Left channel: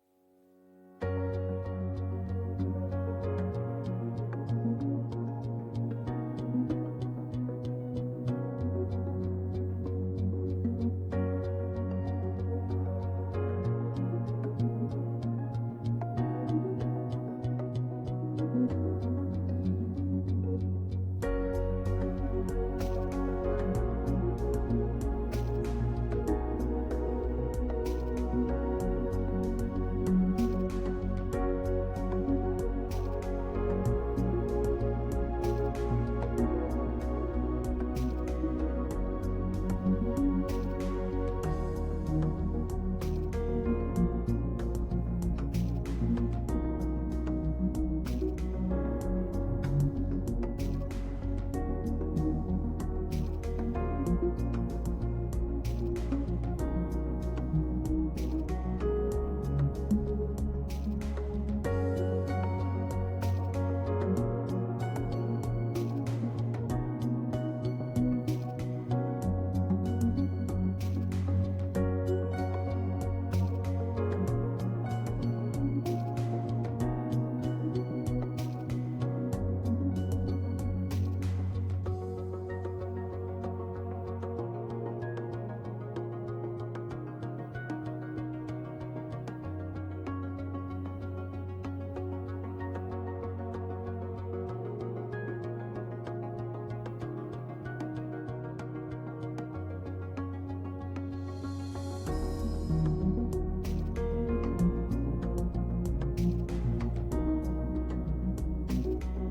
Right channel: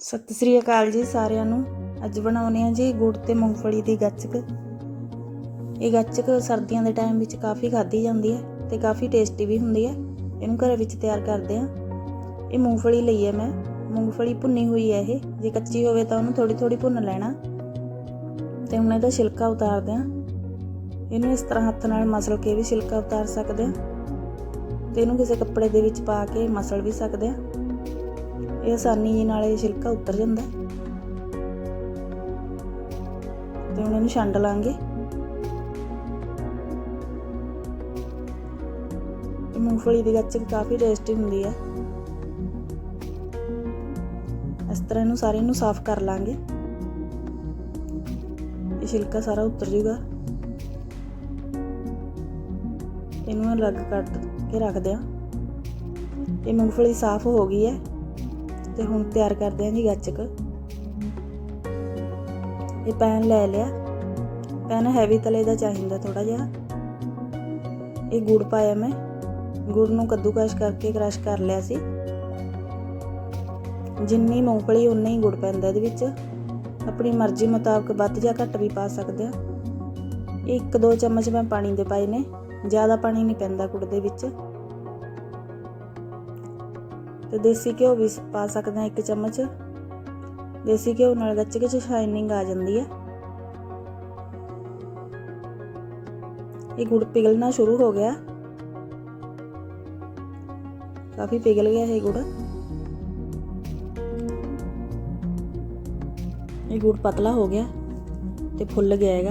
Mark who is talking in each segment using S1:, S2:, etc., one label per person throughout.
S1: ਸਤਿ ਸ੍ਰੀ ਅਕਾਲ ਜੀ ਸਾਰਿਆਂ ਨੂੰ। ਅੱਜ ਬਣਾਉਨੇ ਆ ਜੀ ਗੁੜ ਤੇ ਮੂੰਗਫਲੀ ਦੀ ਗੱਚਕ। ਇਹ ਗੱਚਕ ਸਰਦੀਆਂ ਦੇ ਟਾਈਮ ਵਿੱਚ ਕਾਫੀ ਖਾਧੀ ਜਾਂਦੀ ਹੈ ਤੇ ਕਾਫੀ ਟੇਸਟੀ ਵੀ ਹੁੰਦੀ ਹੈ। ਇਹਨੂੰ ਘਰ ਵਿੱਚ ਤਿਆਰ ਕਰਦੇ ਆ। ਇਹ ਮੂੰਗਫਲੀ ਲਈ ਹੈ ਮੈਂ। ਮੂੰਗਫਲੀ ਭੁੰਨੀ ਹੋਈ ਹੈ ਇਹ। ਜੇ ਕੱਚੀ ਹੋਵੇ ਤਾਂ ਉਹਨੂੰ ਥੋੜੀ ਥੋੜੀ ਭੁੰਨ ਲੈਣਾ। ਤੇ ਹੁਣ ਇਹਦਾ ਛਿਲਕਾ ਉਤਾਰਦੇ ਆ। ਇਹਨੂੰ ਇਸ ਤਰ੍ਹਾਂ ਹੱਥ ਨਾਲ ਮਸਲ ਕੇ ਵੀ ਛਿਲਕਾ ਉਤਾਰ ਸਕਦੇ ਆ। ਤੇ ਇਹਨੂੰ ਕਿਸੇ ਕੱਪੜੇ ਦੇ ਵਿੱਚ ਪਾ ਕੇ ਮਸਲ ਵੀ ਸਕਦੇ ਆ। ਇਹ ਆਸਾਨੀ ਜੀ ਨਾਲ ਇਹ ਛਿਲਕਾ ਉਤਰ ਜਾਂਦਾ। ਤੇ ਹੁਣ ਇਹਨੂੰ ਛੰਡ ਲਾਂਗੇ। ਇਹ ਮੂੰਗਫਲੀ ਦੀ ਗੱਚਕ ਕਾਫੀ ਟੇਸਟੀ ਹੁੰਦੀ ਹੈ ਇਸ ਤਰ੍ਹਾਂ ਇਹਨੂੰ ਸਾਰੇ ਨੂੰ ਸਾਫ਼ ਕਰ ਲਾਂਗੇ। ਇਹ ਛਿਲਕਾ ਸਾਰਾ ਉਤਰ ਜੂਗਾ। ਇਹਨੂੰ ਅਲੱਗ ਕੱਢ ਕੇ ਰੱਖਦੇ ਆ। ਇਹ ਮੂੰਗਫਲੀ ਸਾਫ਼ ਹੋ ਗਈ ਹੈ ਤੇ ਹੁਣ ਤਿਆਰ ਕਰਦੇ ਹਾਂ ਜੀ ਗੱਚਕ। ਇਹ ਪੈਨ ਲੈ ਲਿਆ। ਪੈਨ ਹੈਵੀ ਤਲੇ ਦਾ ਚਾਹੀਦਾ ਥੋੜਾ ਜਿਹਾ। ਇਹ ਗੁੜ ਪਾਇਆ ਮੈਂ। ਗੁੜ ਨੂੰ ਕੱਦੂਕਸ਼ ਕਰਕੇ ਕ੍ਰਸ਼ ਕਰ ਲਿਆ ਸੀ। ਜਿੰਨੀ ਮੂੰਗਫਲੀ, ਉਨਾ ਹੀ ਗੁੜ ਪੈਂਦਾ ਇਹਦੇ ਵਿੱਚ। ਆਪਣੀ ਮਰਜ਼ੀ ਮੁਤਾਬਕ ਵੱਧ ਜਾਂ ਘੱਟ ਵੀ ਪਾ ਸਕਦੇ ਆ। ਇੱਕ ਦੋ ਚਮਚ ਮੈਂ ਪਾਣੀ ਦੇ ਪਾਏ ਨੇ। ਜ਼ਿਆਦਾ ਪਾਣੀ ਨਹੀਂ ਪੈਂਦਾ ਗੁੜ ਦੇ ਵਿੱਚ। ਤੇ ਦੇਸੀ ਘਿਓ ਵੀ ਪਾ ਸਕਦੇ ਹਾਂ ਇੱਕ ਚਮਚ। ਦੇਸੀ ਘਿਓ ਨਾਲ ਗੱਚਕ 'ਚ ਸ਼ਾਈਨਿੰਗ ਆ ਜਾਂਦੀ ਹੈ। ਇਹ ਗੁੜ ਪਿਘਲਣਾ ਸ਼ੁਰੂ ਹੋ ਗਿਆ। ਕਾਫੀ ਪਿਘਲ ਗਿਆ ਇਹ ਗੁੜ। ਇਹ ਗੁੜ ਪਤਲਾ ਹੋ ਗਿਆ ਤੇ ਫੁੱਲ ਗਿਆ ਹੈਗਾ।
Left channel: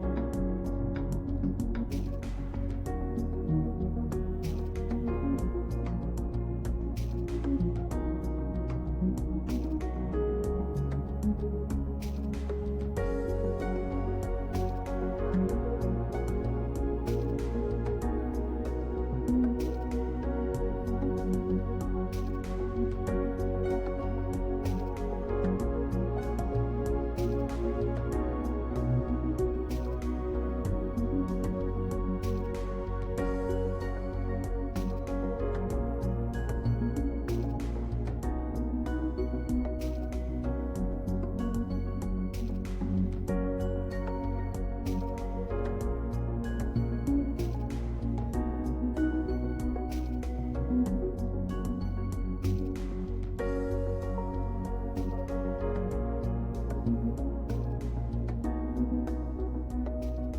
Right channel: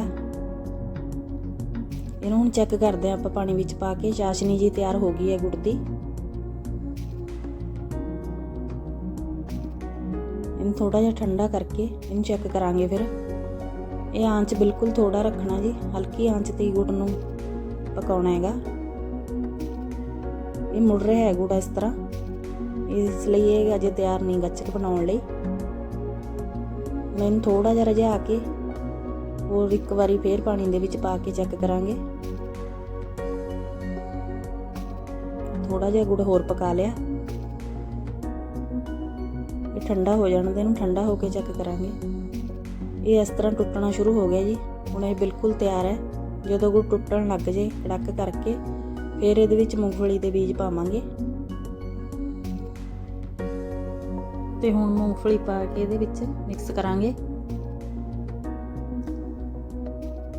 S1: ਇਹਨੂੰ ਹੁਣ ਚੈੱਕ ਕਰਦੇ ਹਾਂ ਆਪਾਂ ਪਾਣੀ ਵਿੱਚ ਪਾ ਕੇ। ਚਾਸ਼ਨੀ ਜੀ ਤਿਆਰ ਹੋ ਗਈ ਹੈ ਗੁੜ ਦੀ। ਥੋੜਾ ਜਿਹਾ ਠੰਡਾ ਕਰਕੇ ਇਹਨੂੰ ਚੈੱਕ ਕਰਾਂਗੇ ਫਿਰ। ਇਹ ਆਂਚ ਬਿਲਕੁਲ ਥੋੜਾ ਰੱਖਣਾ ਜੀ, ਹਲਕੀ ਆਂਚ ਤੇ ਗੁੜ ਨੂੰ ਪਕਾਉਣਾ ਹੈਗਾ। ਇਹ ਮੁੜ ਰਿਹਾ ਹੈ ਗੁੜ ਇਸ ਤਰ੍ਹਾਂ। ਇਸ ਲਈ ਇਹ ਅਜੇ ਤਿਆਰ ਨਹੀਂ ਗੱਚਕ ਬਣਾਉਣ ਲਈ। ਮੈਂ ਇਹਨੂੰ ਥੋੜਾ ਜਿਹਾ ਰਝਾ ਕੇ ਹੋਰ ਇੱਕ ਵਾਰੀ ਫੇਰ ਪਾਣੀ ਦੇ ਵਿੱਚ ਪਾ ਕੇ ਚੈੱਕ ਕਰਾਂਗੇ। ਥੋੜਾ ਜਿਹਾ ਗੁੜ ਹੋਰ ਪਕਾ ਲਿਆ। ਠੰਡਾ ਹੋ ਜਾਣ ਦੇ ਇਹਨੂੰ ਠੰਡਾ ਹੋ ਕੇ ਚੈੱਕ ਕਰਾਂਗੇ। ਇਹ ਇਸ ਤਰ੍ਹਾਂ ਟੁੱਟਣਾ ਸ਼ੁਰੂ ਹੋ ਗਿਆ ਜੀ। ਹੁਣ ਇਹ ਬਿਲਕੁਲ ਤਿਆਰ ਹੈ। ਜਦੋਂ ਗੁੜ ਟੁੱਟਣ ਲੱਗ ਜੇ ਕੜਕ ਕਰਕੇ ਫਿਰ ਇਹਦੇ ਵਿੱਚ ਮੂੰਗਫਲੀ ਦੇ ਬੀਜ ਪਾਵਾਂਗੇ। ਤੇ ਹੁਣ ਮੂੰਗਫਲੀ ਪਾ ਕੇ ਇਹਦੇ ਵਿੱਚ ਮਿਕਸ ਕਰਾਂਗੇ।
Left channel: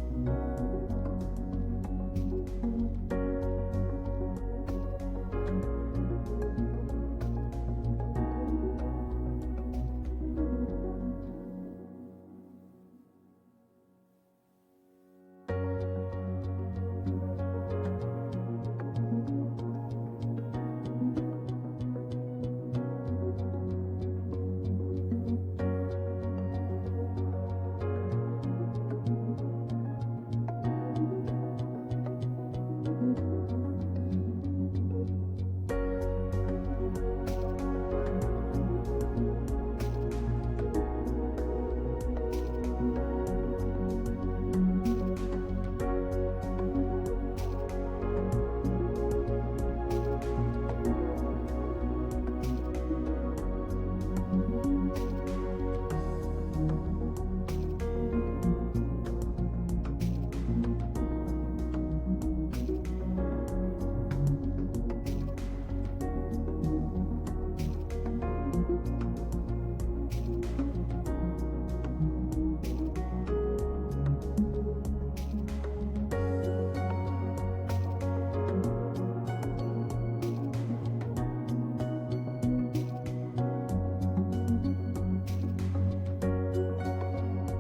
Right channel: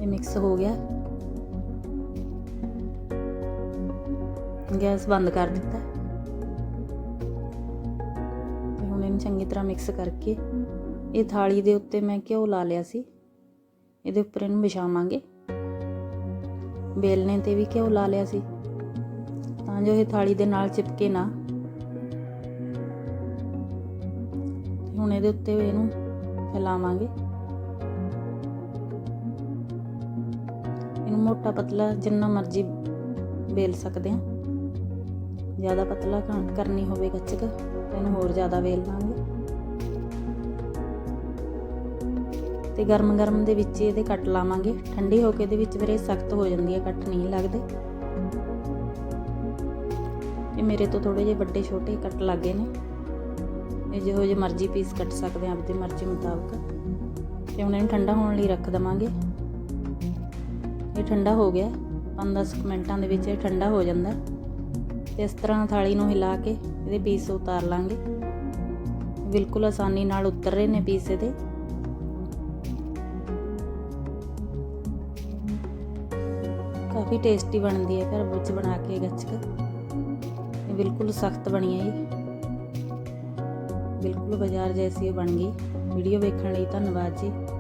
S1: ਇਹ ਮਿਕਸ ਹੋ ਗਿਆ। ਗੈਸ ਬੰਦ ਕਰ ਦਿੱਤਾ। ਤਰ੍ਹਾਂ ਮਿਕਸ ਕਰਕੇ ਇਹ ਥਾਲੀ ਦੇ ਉੱਤੇ ਮੈਂ ਘਿਓ ਲਾ ਲਿਆ ਸੀ। ਇਹਦੇ ਉੱਪਰ ਇਹਨੂੰ ਵਿਛਾਵਾਂਗੇ ਬੇਲਣੇ ਤੇ ਵੀ ਘਿਓ ਲਾ ਲਿਆ ਸੀ। ਤਾਂ ਜੋ ਇਹ ਥਾਲੀ ਦੇ ਨਾਲ ਚਿਪਕੇ ਨਾ। ਹੁਣ ਇਹਦੇ ਉੱਤੇ ਇਹਨੂੰ ਫੈਲਾਵਾਂਗੇ। ਇਹਨੂੰ ਮੋਟਾ ਪਤਲਾ ਜਿੰਨਾ ਮਰਜ਼ੀ ਬੇਲ ਸਕਦੇ ਹਾਂ। ਜ਼ਿਆਦਾ ਪਤਲਾ ਕਰਨੀ ਹੋਵੇ ਗੱਚਕ ਇਹਨੂੰ ਹੋਰ ਜ਼ਿਆਦਾ ਵੇਲ ਲਾਂਗੇ। ਤੇ ਗਰਮ ਗਰਮ ਦੇ ਵਿੱਚ ਇਹਦੇ ਕੱਟ ਲਾਵਾਂਗੇ। ਠੰਡੀ ਹੋ ਕੇ ਇਹਦੇ ਵਿੱਚ ਵੀਰੇ ਸਖਤ ਹੋ ਜਾਂਦੀ ਹੈ, ਕੱਟ ਨਹੀਂ ਲੱਗਦੇ। ਇਹ ਮੇਰੇ ਤੋਂ ਥੋੜੇ ਜਿਹੇ ਵੱਡੇ ਛੋਟੇ ਕੱਟ ਲੱਗੇ ਨੇ। ਇਹ ਜਿਹੋ ਜਿਹੇ ਮਰਜ਼ੀ ਪੀਸ ਕੱਟ ਸਕਦੇ ਆ ਆਪਣੀ ਮਰਜ਼ੀ ਮੁਤਾਬਕ। ਤੇ ਹੁਣ ਇਹਨੂੰ ਠੰਡਾ ਹੋਣ ਲਈ ਰੱਖ ਦਵਾਂਗੇ। ਇਹ ਠੰਡਾ ਹੋ ਗਿਆ। 5-10 ਮਿੰਟਾਂ ਦੇ ਵਿੱਚ ਇਹ ਠੰਡਾ ਹੋ ਜਾਂਦਾ। ਇਸ ਤਰ੍ਹਾਂ ਥਾਲੀ ਨੂੰ ਹਿਲਾ ਕੇ ਇਹਦੇ ਪੀਸ ਉਤਾਰ ਲਾਂਗੇ। ਬਿਲਕੁਲ ਆਸਾਨੀ ਨਾਲ ਉਤਰ ਰਹੇ ਨੇ ਪੀਸ ਇਹਦੇ। ਕਾਫੀ ਟੇਸਟੀ ਬਣਦੀ ਹੈ ਘਰ ਵਿੱਚ ਬਣਾ ਕੇ ਗੱਚਕ। ਬਿਲਕੁਲ ਸਖਤ ਬਣੀ ਹੈ ਇਹ। ਬਿਲਕੁਲ ਬਾਜ਼ਾਰ ਜੈਸੀ ਬਣ ਗਈ। ਵੀਡੀਓ ਵੇਖਣ ਲਈ ਧੰਨਵਾਦ ਜੀ।